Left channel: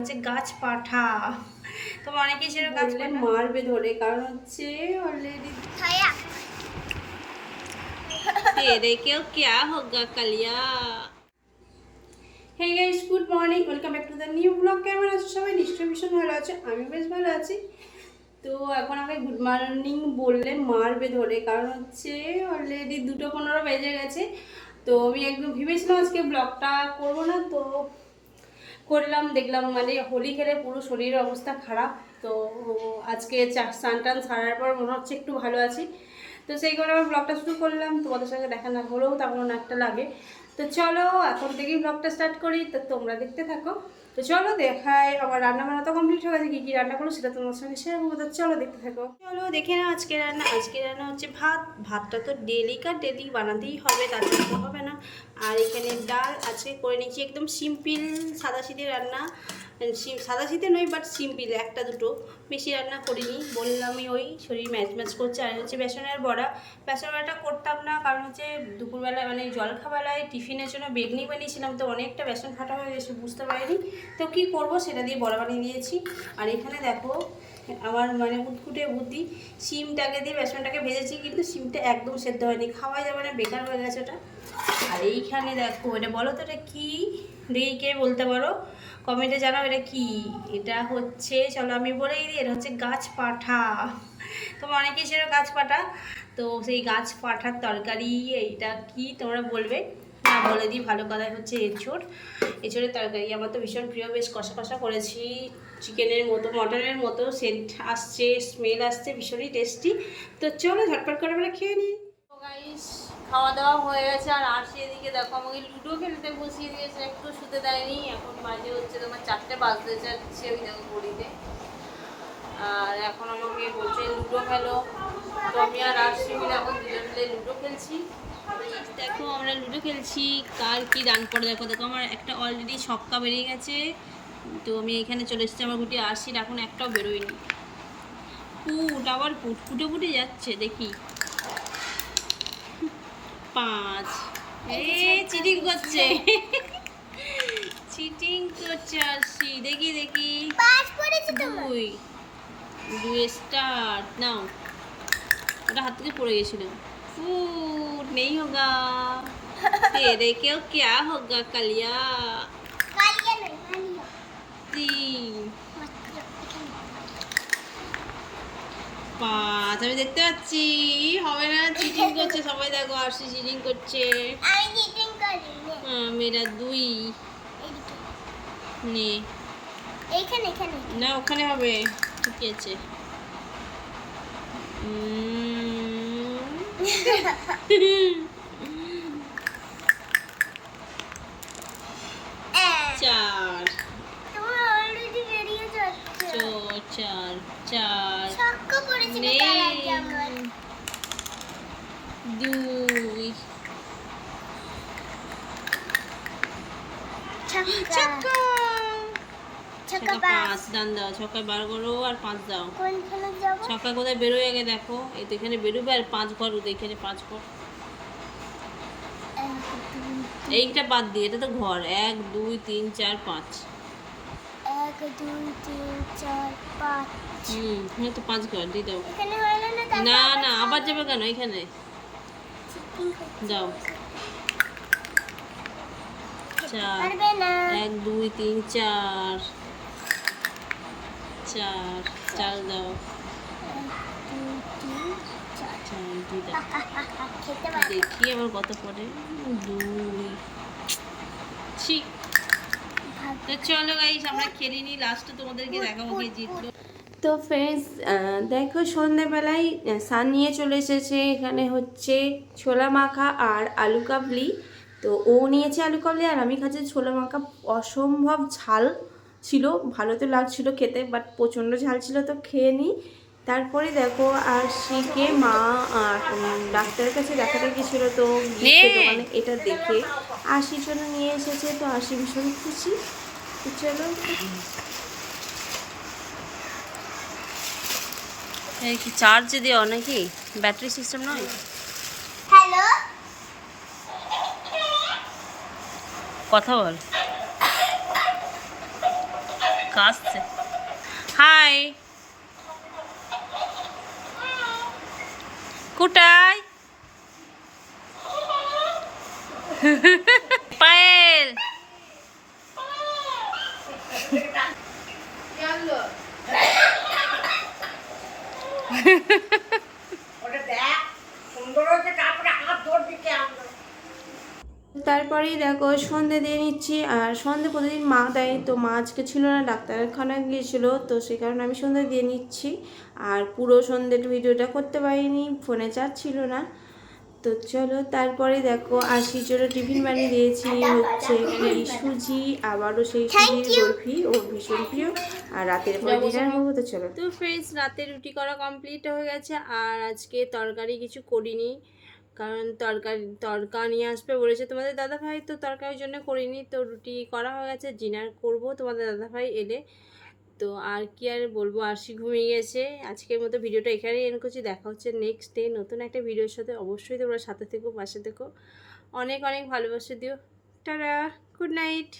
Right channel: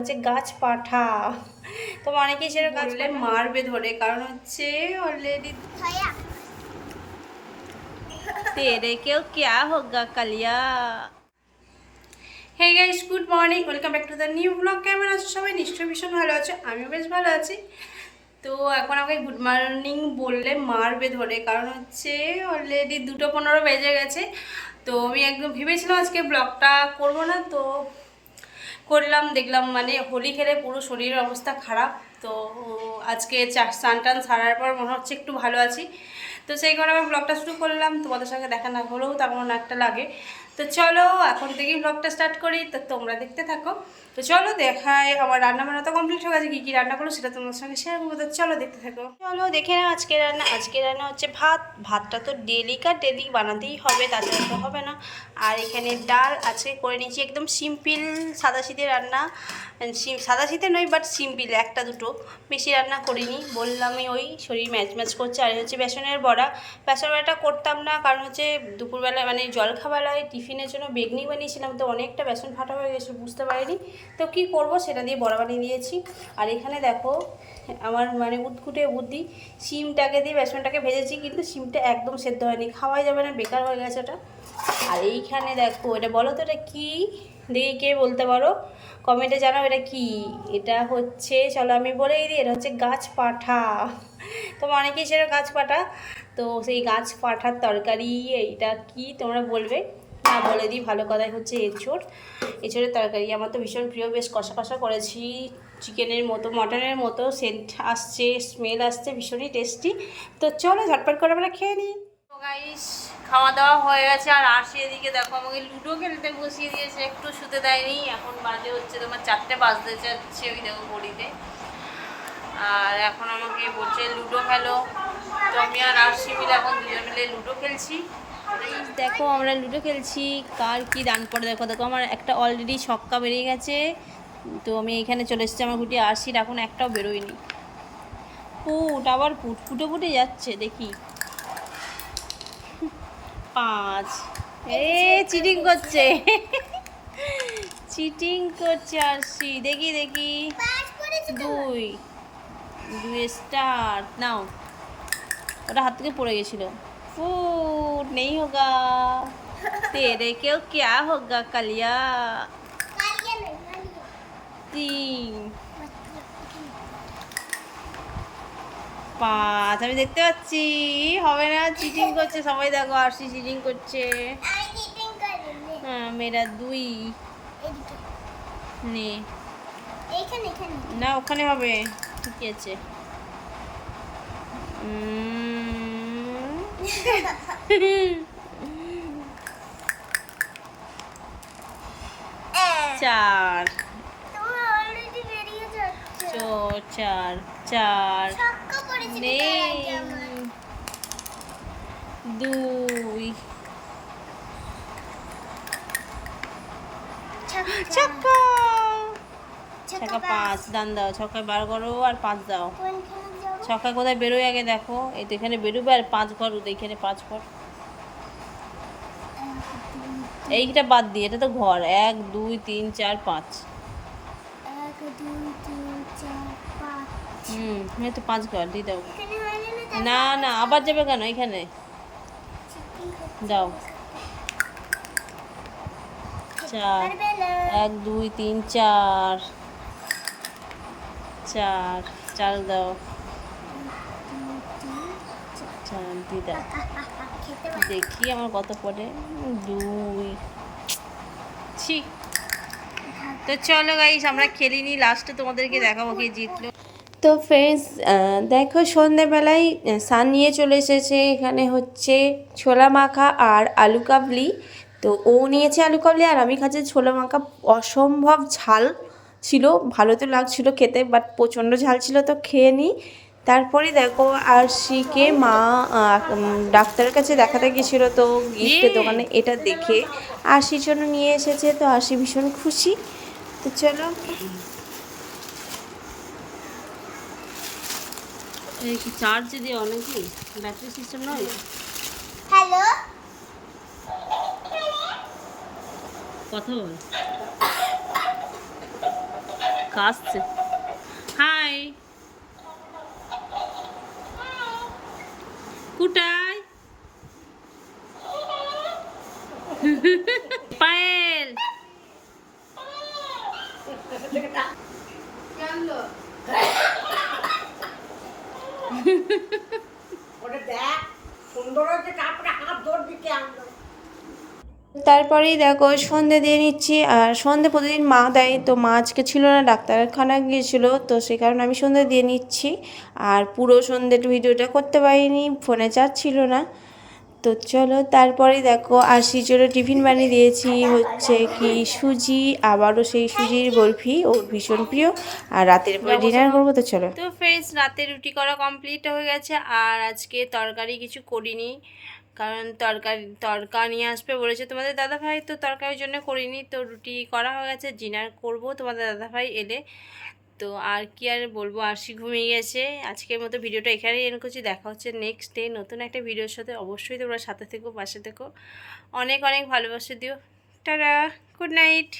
হচ্ছে গাছ পাঠা। তো অনেকেই সেটা গাছ মারবে ধরে, কারণ হচ্ছে অলরেডি তেরে কেউ ক্যা হোগা Kaliya. Hey guys, good morning, welcome back to the new blog. কেমন আছো সবাই? নিশ্চয়ই ভীষণ ভালো আছো, আমিও বেশ ভালো আছি। তো এখন আমাকে গুড মর্নিং বললে মারবে ধরে, কারণ হচ্ছে অলরেডি 2:15 বেজে গেছে। তো আমি একদম ভেবেছিলাম আজকে ব্লগটা করবো না, তো করলাম। দেখলাম মানে হোলি খেলে পুরো শরীরের অবস্থা খারাপ। তো আজকে স্নান টান সারার পর মনে হচ্ছে একটু ভালো আছি। তো সেই কারণে আমার ব্লগটা শুরু করলাম। তোমাদের সঙ্গে দেখা না হলেও তেমন একটা লাগে। তো চলো এখন থেকেই ব্লগটা স্টার্ট করি, তো তোমরা দেখতে থাকো। তো চলো দেখায়, আমার রান্না বান্না তো কমপ্লিট হয়ে গেছে। কী কী রান্না করলো সেটা তোমার সঙ্গে শেয়ার করবো। তো চলো দেখতে থাকো। চলো দেখে নাও আজকে রান্না। আজকে রান্না হচ্ছে ভাত। ভাতটা তো ডেলি বানাতেই হবে, তাছাড়া তো হবে না। আর এখানে ডাল আজকে করে নিয়েছি, একদম সিম্পল সাদাসিধে রান্না। সাদাসিধে নয়, বাট সিম্পল, একটা দুটো, বেশি রান্না করিনি। বললামই ওই শরীর ম্যাচ করছে। আর হচ্ছে বেসনের বড়া। বেসনের বড়াটা করতাম না, কারণ হচ্ছে দুপুরবেলায় মানে জলখাবেলায় টিফিনের জন্য বেগনি বানিয়েছিলাম, তো অনেকটা বেসন ফাটা হয়ে গেছে, বুঝতে পারিনি। তো কি করব, সেটা দিয়ে বড়া বানিয়ে দিয়েছি। আর এখানে দেখো আমার মানে উৎকুটে বুদ্ধি, শিমটাকে দিয়ে বেসনটাকে ভেজেছি, কিন্তু শিমটা একদম সেদ্ধ হয়নি, খাওয়াই যাবে না, বেকার হয়ে গেছে ওটা। আর এইখানে দেখো, এটা বলো তো এটা কী, দেখি কে বলতে পারো, কমেন্টে জানাও এটা কি। এটা হচ্ছে, চলো আমি বলেই দিই, এটা হচ্ছে গাছ পাঠা। তোমরা অনেকেই সেটা গাছ পাঠা, তো সেই গাছ পাঠার তরকারি। এইটা কি তোমরা বলবে না, বলে দিই ভালো কথাই, হচ্ছে এঁচোড়। এঁচোড়ের তরকারি আমার তো ভীষণ প্রিয়, বেশ কষা কষা করেছি, চিকেনের মতো মটনের মতো সেন্ট আসছে, স্মেল আসছে, ভীষণই টেস্টি। তো চলো ঝটপট করে আমরা খেয়ে নিই। গাইস, খাওয়া দাওয়া হয়ে গেছে। আর আসি এদিকে দেখো, আমাকে লুডো খেলতে বসিয়ে দিয়েছে, একটু শুতে দেয়নি। এখন বাজে হচ্ছে তোমার 4টে বাজতে যাচ্ছে, ওই দেখো ঘড়িতে। আর এখন আমাকে বলছে লুডো খেলো। তো আমি আর আসি মিলে এখন দুজন মিলে লুডো খেলছি। দেখো আমরা লুডো খেলছি, কার কি রান পড়ে দেখো। দেখো আমার একটা অলরেডি ছক্কা বেরিয়ে গেছে। তো আমি এখানে চলে এসেছি, আমার গুটি আশির এখন একটাও বেরোয়নি। পুট, আবার ফুটে ফুটে যাচ্ছে, দেখি 5। চিটিং করছে, চিটিং করছে আরশি। দেখি 2 স্টার নাও। ওটা হাত থেকে পড়ে গেছিল। ফুট নেই হোগা, তেরে কেউ ক্যা হোগা কালিয়া। 3 5 আমি দেখতে পাচ্ছি, হবে না, চিটিং করছে সবাই। দেখো আরশি চিটিং করছে। হ্যাঁ, মেরা 2 নে না, ওখানে হবে, ঠিক আছে। 4 4 নেই, 2 ছক্কা। 5 দান দাও, ছক্কায় বার করো আর 5 দাও। ছক্কা কোথায় বেরোয় আগে দেখো, এই তো এখানে বেরোবে। আর 5 ঘর, এখানে 5 ঘর। এইটা বাদ দিয়ে, এটা তো ঘর। 1 2 3 4 5। এই তো 5 ঘর দিয়ে দাও। না না, আবার যাবে কেন এখানে, দাও। 4 1 2 3 4 4 দাও। 4 দিয়ে দাও। দেখি আমার কত পড়ে। 2। ঠিক। তো চলো গাইস, আমরা খেলিনি, লাস্টে তোমাদেরকে দেখাবো কে জিতলো। তো ফ্রেন্ডস, দেখো সন্ধ্যেবেলায় সান নিয়ে চলে এসেছে। এখানে হচ্ছে ছোলা মাখা আর আলু কাবলি। তো ও নিয়েছে আলু কাবলি, আর আমি খাচ্ছি ছোলা মাখা। অসম্ভব ঝাল ছিল, ভালো তো লাগছিল খেতে, বাট প্রচণ্ড ঝাল ছিল, তো খেয়ে নিই। তারপরে দেখো আরশিকে মা ডাক্তারের কাছে দেখাতে গেছিলো, তো গিফটের দোকানে এটা দেখে আরশির জন্য নিয়ে এসেছে। তো আরশি ভীষণ খুশি। তো চলো, এই কি চার্জ দেওয়া নাকি, ব্যাটারি সিস্টেম নয়? হ্যালো, কথা বল। কাশছে। হাই, কোথায় পায়েল? তারপরেই দেখো সন্ধে দিয়ে নিচ্ছি। আর সন্ধে প্রতিদিন মা দেয়, তো মা আজকে ছিল না, ডাক্তারখানা গিয়েছিল, তো সেই কারণে আমি সন্ধে দিয়ে নিচ্ছি। আর পুরো সন্ধ্যের ভিডিওটা করতে পারিনি, ফোনে চার্জ ছিল না। তো চলো, তারপরেই দেখো আশির জন্য টিফিন বানিয়ে দিয়েছি, হচ্ছে কি সুজি, আবারও সেই সুজির বরফি, ও ভীষণ প্রিয়। আর রাতের পরে ডিনার করবো। তো চলো, তো ফ্রেন্ডস, রাতে রুটি করা কমপ্লিট হয়ে গেছে। আর আজকে তরকারি কিছু করিনি, কারণ তরকা নিয়ে আসবে বলেছে তোমাদের দাদাভাই, তো তরকারির জন্য করিনি। তো রুটি করা হয়ে গেছে, ডিনার করব তোমাদের দাদাভাই এলে। তো আর কি আর বলবো, আরশি ঘুমিয়ে গেছে। আজকের মতো ভিডিওটা এখানেই এন্ড করছি। দেখা হচ্ছে নেক্সট ডে নতুন একটা ভিডিওর সাথে। অবশ্যই তোমরা সাথে থেকো, পাশে থেকো, অনেক অনেক ভালোবাসা দিও। Tata, good night.